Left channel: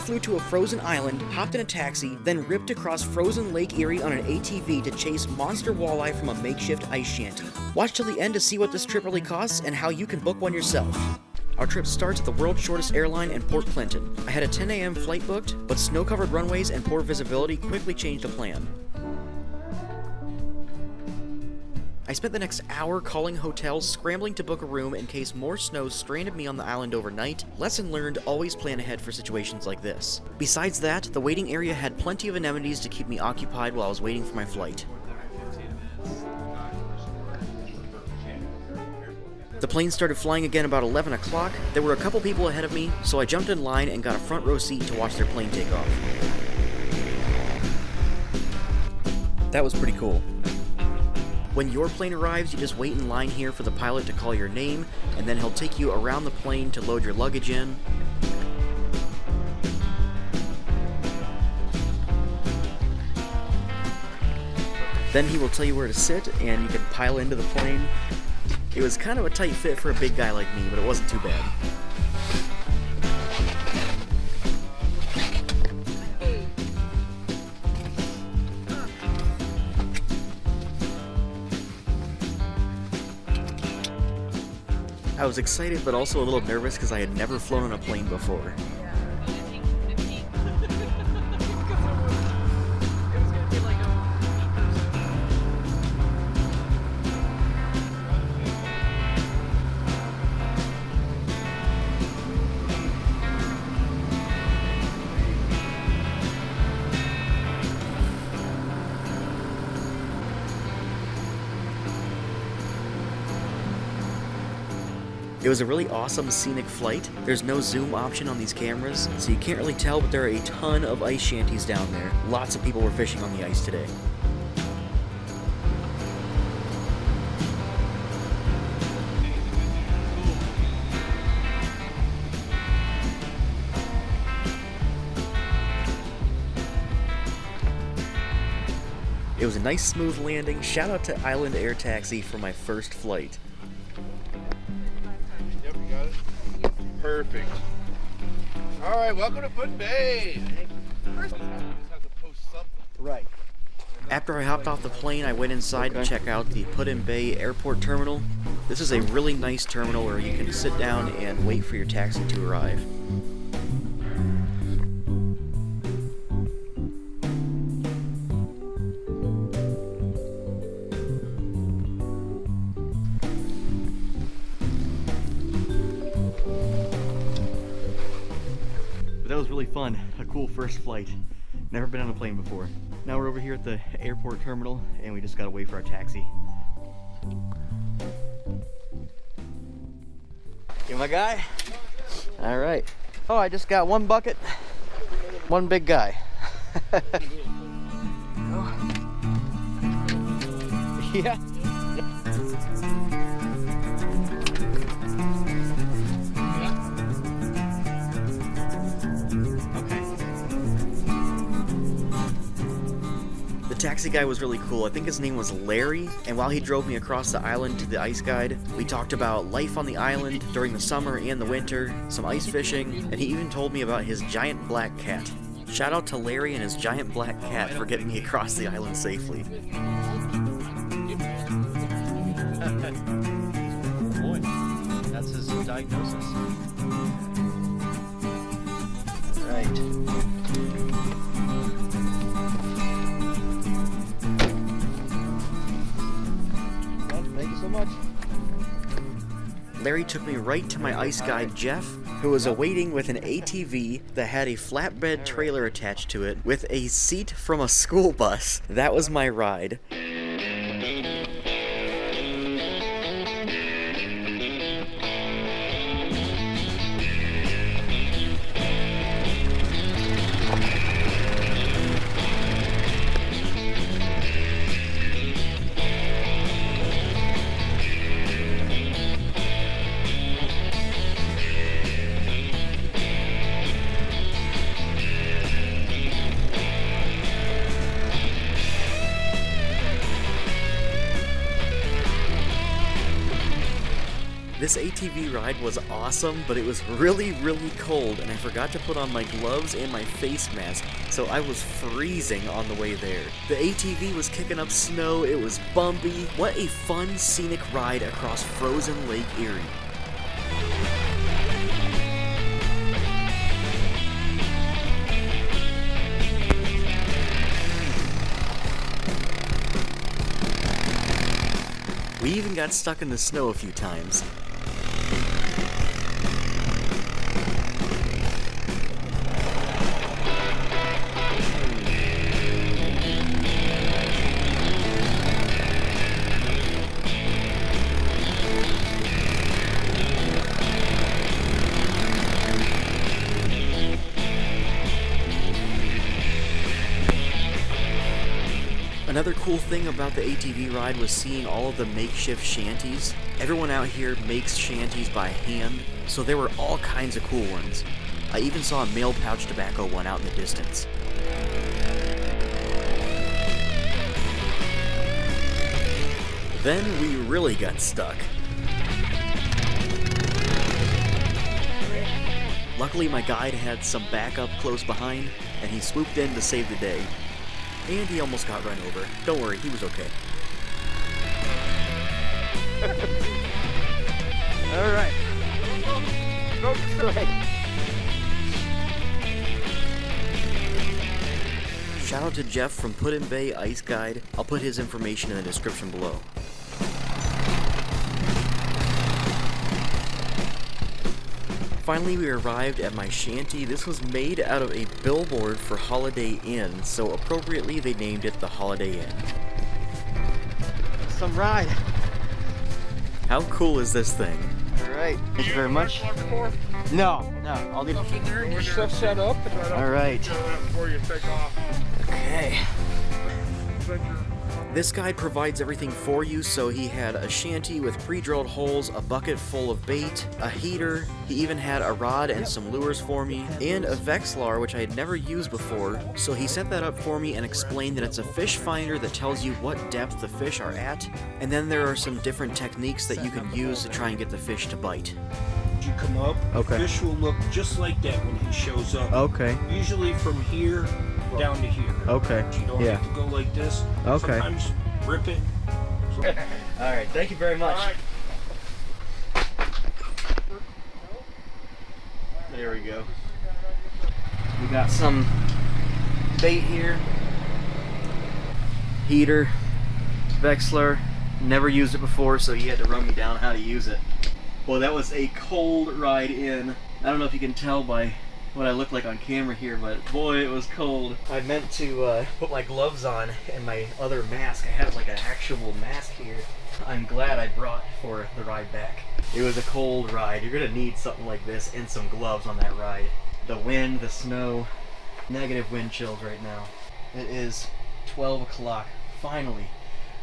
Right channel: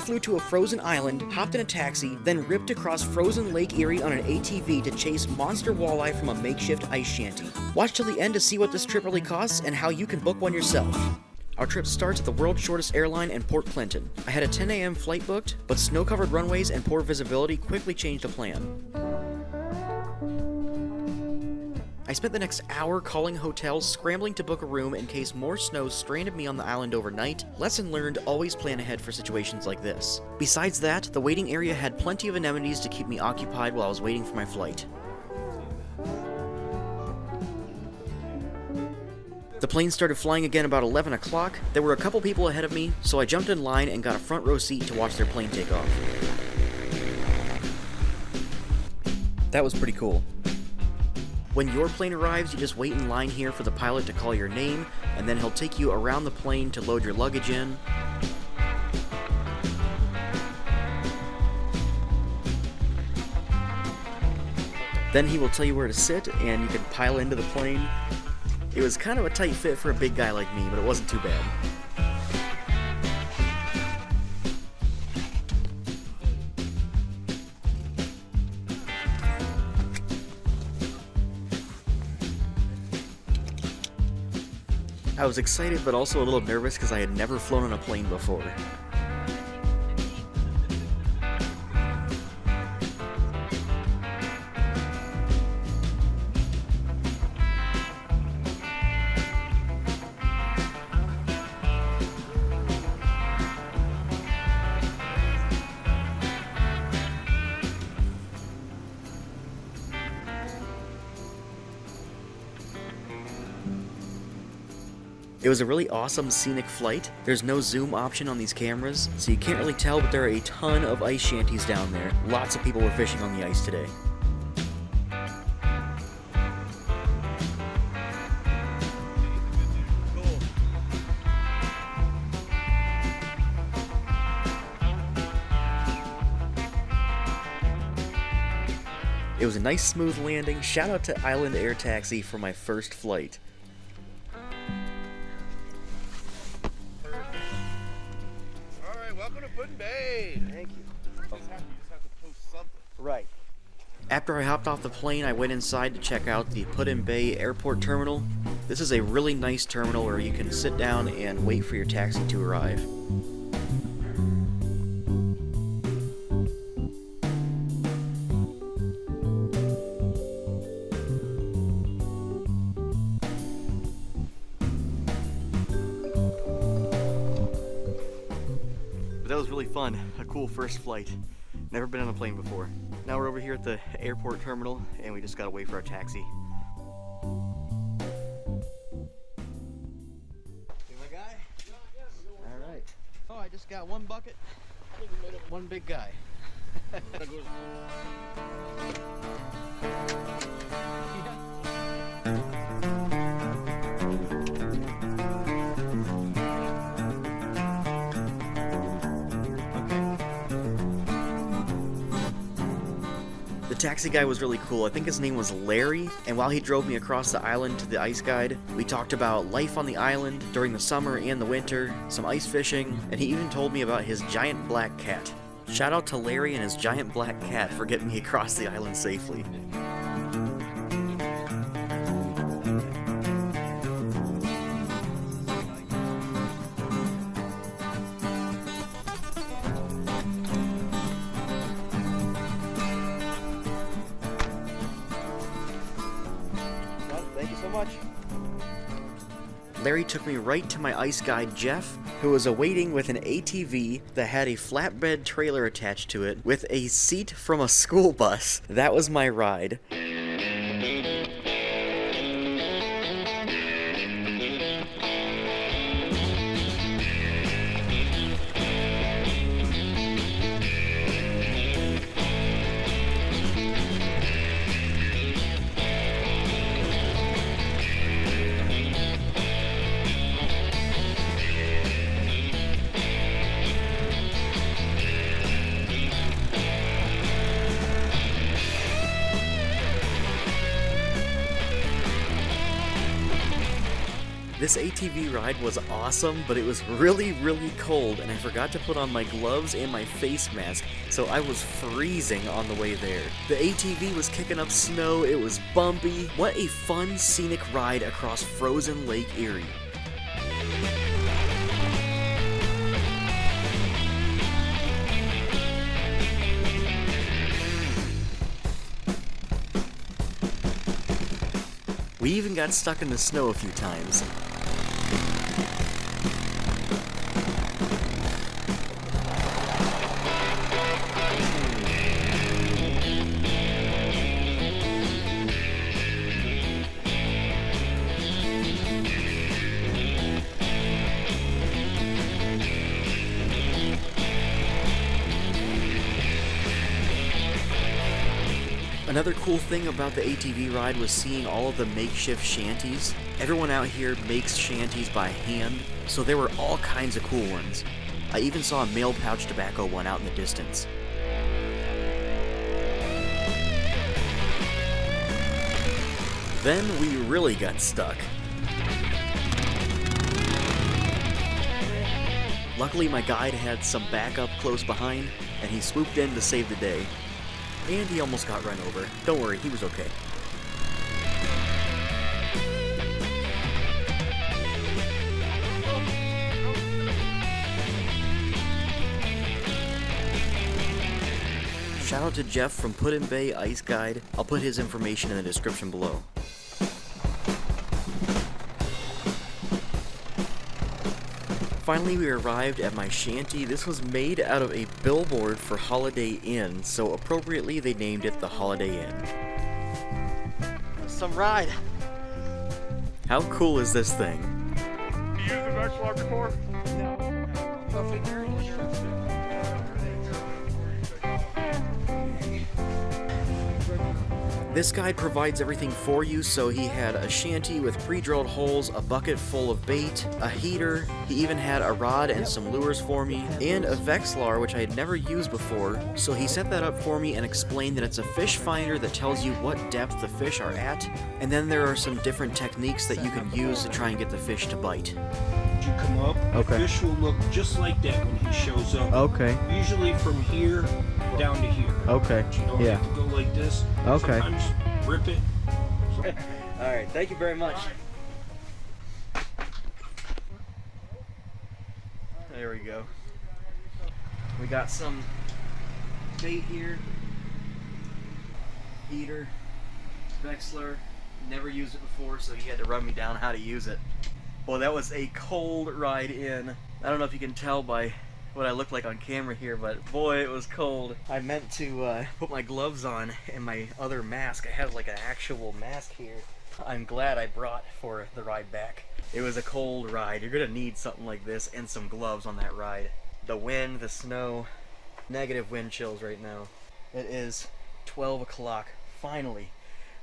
I flew to a frozen island, hopped in a taxi, then ripped across frozen Lake Erie on an ATV to chase monster walleye from a makeshift ice shanty. Watch till the end to see what this trip really costs and how you can book one yourself. Our trip starts at the world's shortest airline in Port Clinton. I had a 10 a.m. flight booked, but snow-covered runways and poor visibility quickly changed the plan. I spent the next hour calling hotels, scrambling to book a room in case more snow stranded me on the island overnight. Lesson learned, always plan ahead for situations like this. Besides that, the waiting area had plenty of amenities to keep me occupied while I was waiting for my flight. The plane started flying again about 11 o'clock. There were a couple people ahead of me, so I jumped in line and got a front row seat to watch their plane take off. That was pretty cool. When your plane arrives, you just wait in line here for the pilot to call your name, and then he'll take you around the plane to load your luggage in. Then he will tell you where to sit, and you can pile into the plane. It was kind of a tight fit for a big guy like me, but it wasn't too bad. I was excited, but also a little nervous because I had never flown on a plane before. It was a really awesome scenic flight. There's no zoom option on these cameras, so you can't really tell, but there are a ton of ice shanties down there. Lots of people were fishing on the ice today. It was a nice smooth landing. Shout out to Island Air Taxi for my first flight. Perfect. All right, welcome to Put-in Bay. First, you have to post something. Right. After I hopped off the plane, I went inside to check out the Put-in Bay Airport Terminal. This is a really nice terminal where you can sit down and wait for your taxi to arrive. That was really fun. A cool first flight. Never been on a plane before. Now we're over here at the airport terminal and we just gotta wait for our taxi. You my guy? All right. Oh, I just got one bucket, one big guy. Oh. Yeah. The taxi guy was really cool. I think his name was Larry, and while he drove me across the island to the ice guide, we talked about life on the island during the summer and the winter, some ice fishing, and he even told me about his giant black cat. Shout out to Larry and his giant black cat for getting me across the island safely. That's his diagnosis. Much. Larry took me right to my ice guide Jeff, who was awaiting with an ATV that had a flatbed trailer attached to it with a seat from a school bus. That was my ride. This ATV ride was awesome, but it was really, really cold, and I forgot to put on my gloves and my face mask, so I was freezing on the way there. The ATV was kicking up snow, it was bumpy. What a fun, scenic ride across frozen Lake Erie. We even got stuck in the snow a few times. Another cool thing about the ATV ride was seeing all of the makeshift shanties. Everyone out here makes shanties by hand, so there were all kinds of cool ones. I even saw a male pouch tobacco one out in the distance. Then we really got stuck. Luckily my guide had some backup close behind, and he swooped in to save the day. And he almost got run over. Don't worry, he was okay. Alright. Shout out to Jeff from Put-in Bay Ice Guide. I'll put his information in the description below. Finally, we arrived at my shanty. This was made out of a billboard for Holiday Inn, so appropriately they named it the Holiday Inn. Some ride. How cool is this thing? Alright, thank you very much. No, I'll leave it Your stuff set up. Alright. Before you take off. Okay. This guide provides everything for you, so he had a shanty with pre-drilled holes, a bucket full of bait, a heater, he even had a rod and some lures for me, and a Vexlar, which I had never used before, so he set that up for me and explained that it's a fish finder that tells you what depth the fish are at, and then there are some different techniques that you can use to try and get the fish to bite. You come up, Okay. the fish will look just like that when he shows up. Okay. Usually from here down to here. Okay. But you don't Yeah. have to go like this. Okay. Sometimes rip it. Alright, thank you very much. There we go. We got some bait here. Heater, Vexlar. Never used it before, so he had to run me down how to use it. Well, that was a cold ride in. I don't know if you can tell by what I look like on camera here, but boy, it was cold. I meant to put my gloves on and my other mask. I have like an actual mask here. I'm glad I brought for the ride back. It was a cold ride. You're gonna need something like this and some gloves on that ride. The wind, the snow, negative wind chills right now. It is 12 o'clock. Finally,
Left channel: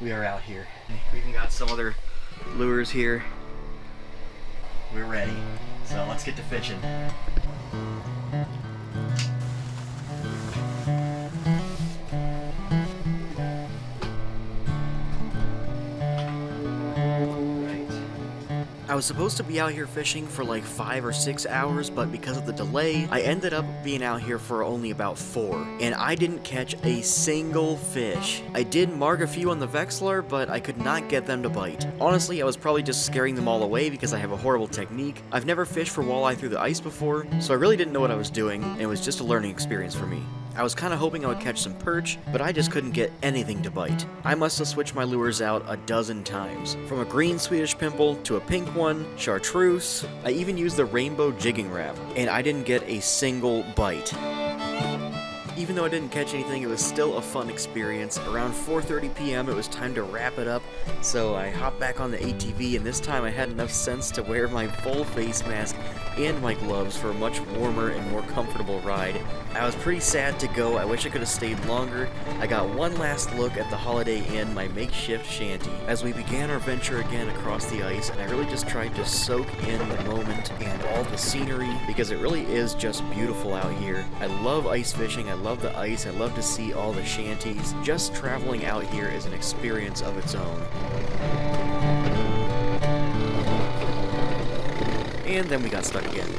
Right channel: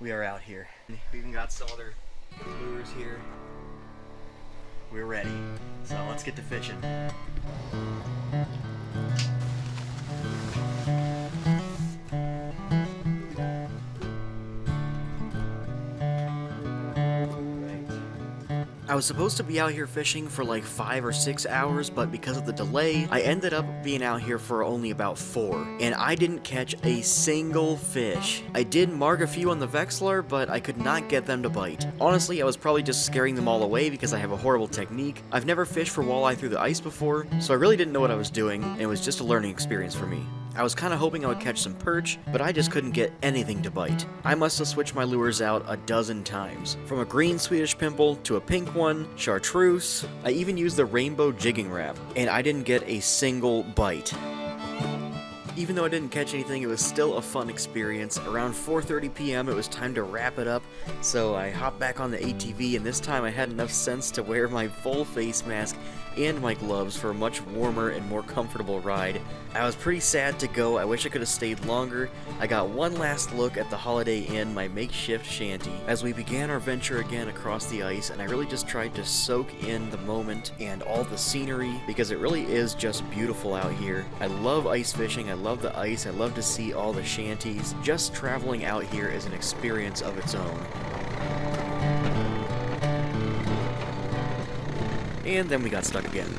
we are out here. We even got some other lures here. We're ready. So let's get to fishing. I was supposed to be out here fishing for like 5 or 6 hours, but because of the delay, I ended up being out here for only about 4, and I didn't catch a single fish. I did mark a few on the Vexlar, but I could not get them to bite. Honestly, I was probably just scaring them all away because I have a horrible technique. I've never fished for walleye through the ice before, so I really didn't know what I was doing, and it was just a learning experience for me. I was kind of hoping I would catch some perch, but I just couldn't get anything to bite. I must have switched my lures out a dozen times. From a green Swedish pimple to a pink one, chartreuse, I even used the rainbow jigging wrap, and I didn't get a single bite. Even though I didn't catch anything, it was still a fun experience. Around 4:30 p.m. it was time to wrap it up, so I hopped back on the ATV, and this time I had enough sense to wear my full face mask and my gloves for a much warmer and more comfortable ride. I was pretty sad to go. I wish I could have stayed longer. I got one last look at the Holiday Inn, my makeshift shanty, as we began our venture again across the ice, and I really just tried to soak in the moment and all the scenery, because it really is just beautiful out here. I love ice fishing, I love the ice, I love to see all the shanties. Just traveling out here is an experience of its own. and then we got stuck again.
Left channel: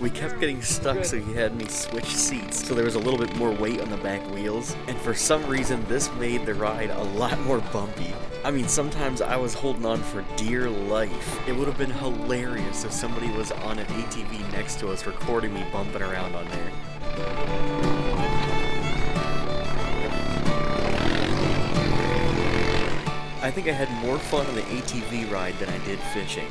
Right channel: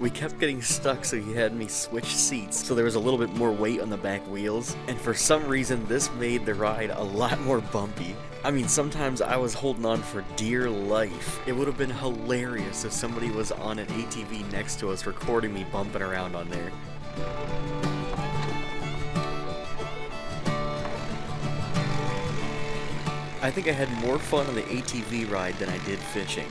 We kept getting stuck, so he had me switch seats, so there was a little bit more weight on the back wheels, and for some reason this made the ride a lot more bumpy. I mean, sometimes I was holding on for dear life. It would have been hilarious if somebody was on an ATV next to us recording me bumping around on there. I think I had more fun on the ATV ride than I did fishing.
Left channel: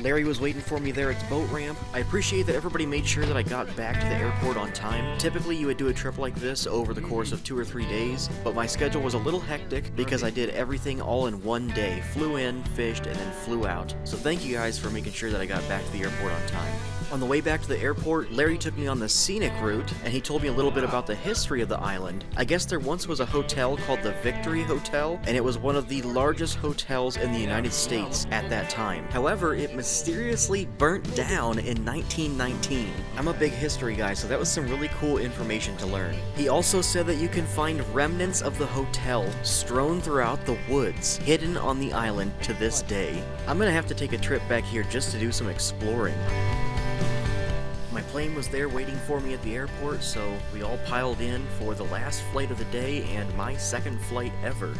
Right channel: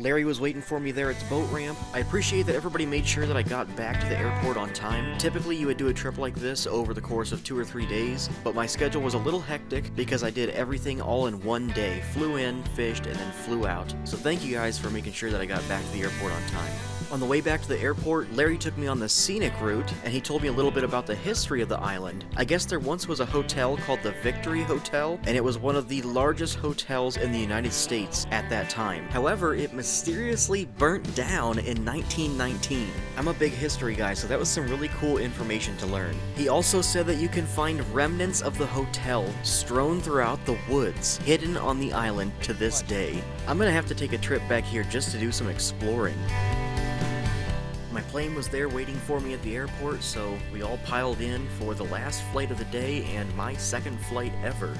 Larry was waiting for me there at the boat ramp. I appreciate that everybody made sure that I got back to the airport on time. Typically you would do a trip like this over the course of 2 or 3 days, but my schedule was a little hectic because I did everything all in one day. Flew in, fished, and then flew out. So thank you guys for making sure that I got back to the airport on time. On the way back to the airport, Larry took me on the scenic route, and he told me a little bit about the history of the island. I guess there once was a hotel called the Victory Hotel, and it was one of the largest hotels in the United States at that time. However, it mysteriously burnt down in 1919. I'm a big history guy, so that was some really cool information to learn. He also said that you can find remnants of the hotel strewn throughout the woods, hidden on the island to this day. I'm gonna have to take a trip back here just to do some exploring. My plane was there waiting for me at the airport, so we all piled in for the last flight of the day and my second flight ever.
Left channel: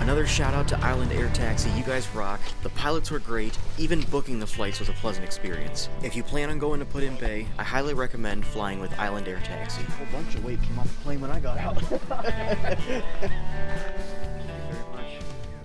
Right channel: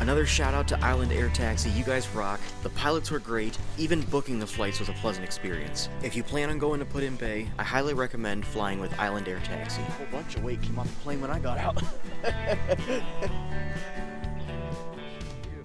Another shout out to Island Air Taxi, you guys rock. The pilots were great, even booking the flights was a pleasant experience. If you plan on going to Put in Bay, I highly recommend flying with Island Air Taxi. A whole bunch of weight came off the plane when I got out.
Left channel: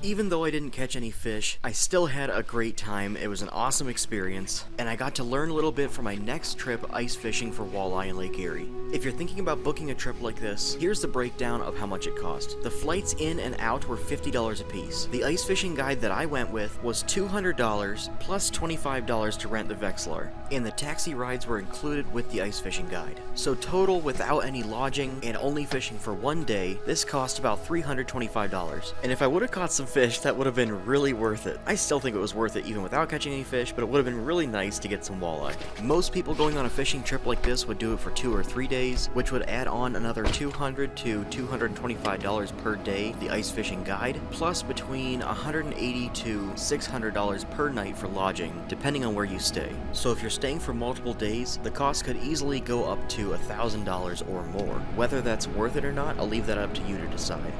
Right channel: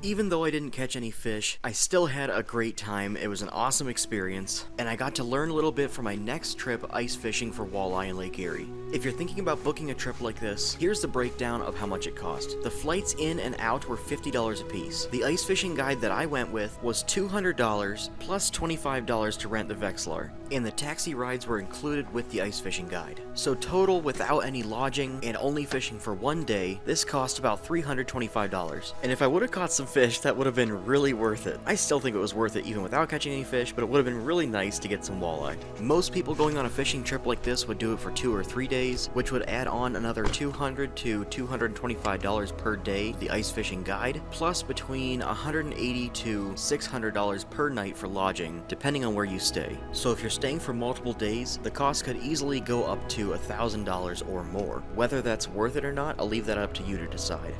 Even though I didn't catch any fish, I still had a great time. It was an awesome experience, and I got to learn a little bit for my next trip ice fishing for walleye in Lake Erie. If you're thinking about booking a trip like this, here's the breakdown of how much it cost. The flights in and out were $50 a piece. The ice fishing guide that I went with was $200 plus $25 to rent the Vexilar, and the taxi rides were included with the ice fishing guide. So total, without any lodging and only fishing for one day, this cost about $325. And if I would have caught some fish, that would have been really worth it. I still think it was worth it even without catching any fish, but it would have been really nice to get some walleye. Most people going on a fishing trip like this would do it for 2 or 3 days, which would add on another $200 to $225 per day to the ice fishing guide, plus between $180 to $600 per night for lodging, depending on where you stay. So if you're staying for multiple days, the cost could easily go up to $1,000 or more. Whether that's worth it or not, I'll leave that up to you to decide.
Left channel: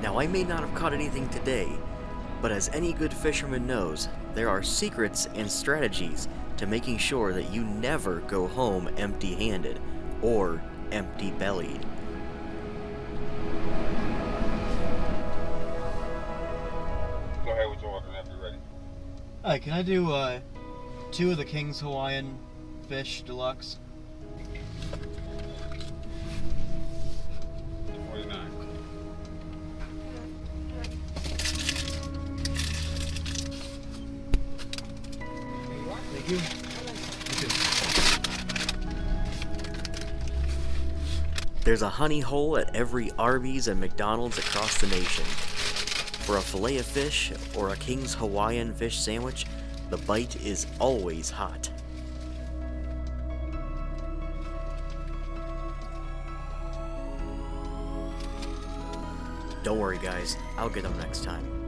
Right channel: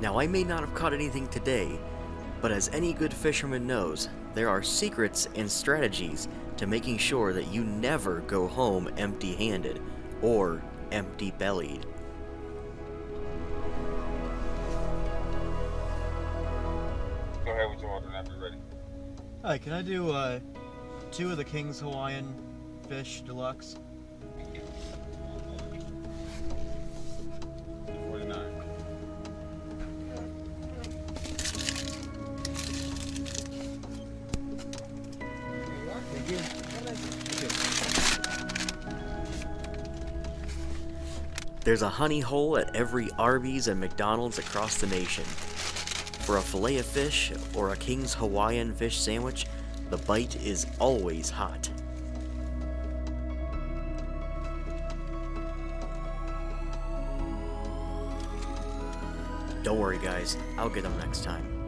Now, I may not have caught anything today, but as any good fisherman knows, there are secrets and strategies to making sure that you never go home empty-handed or empty-bellied. Go ahead with your order whenever you're ready. Alright, can I do 2 of the King's Hawaiian Fish Deluxe? 49. There's a honey hole at every Arby's and McDonald's across the nation. For a fillet of fish or a King's Hawaiian fish sandwich, the bite is always hot. Don't worry guys, I'll get them next time.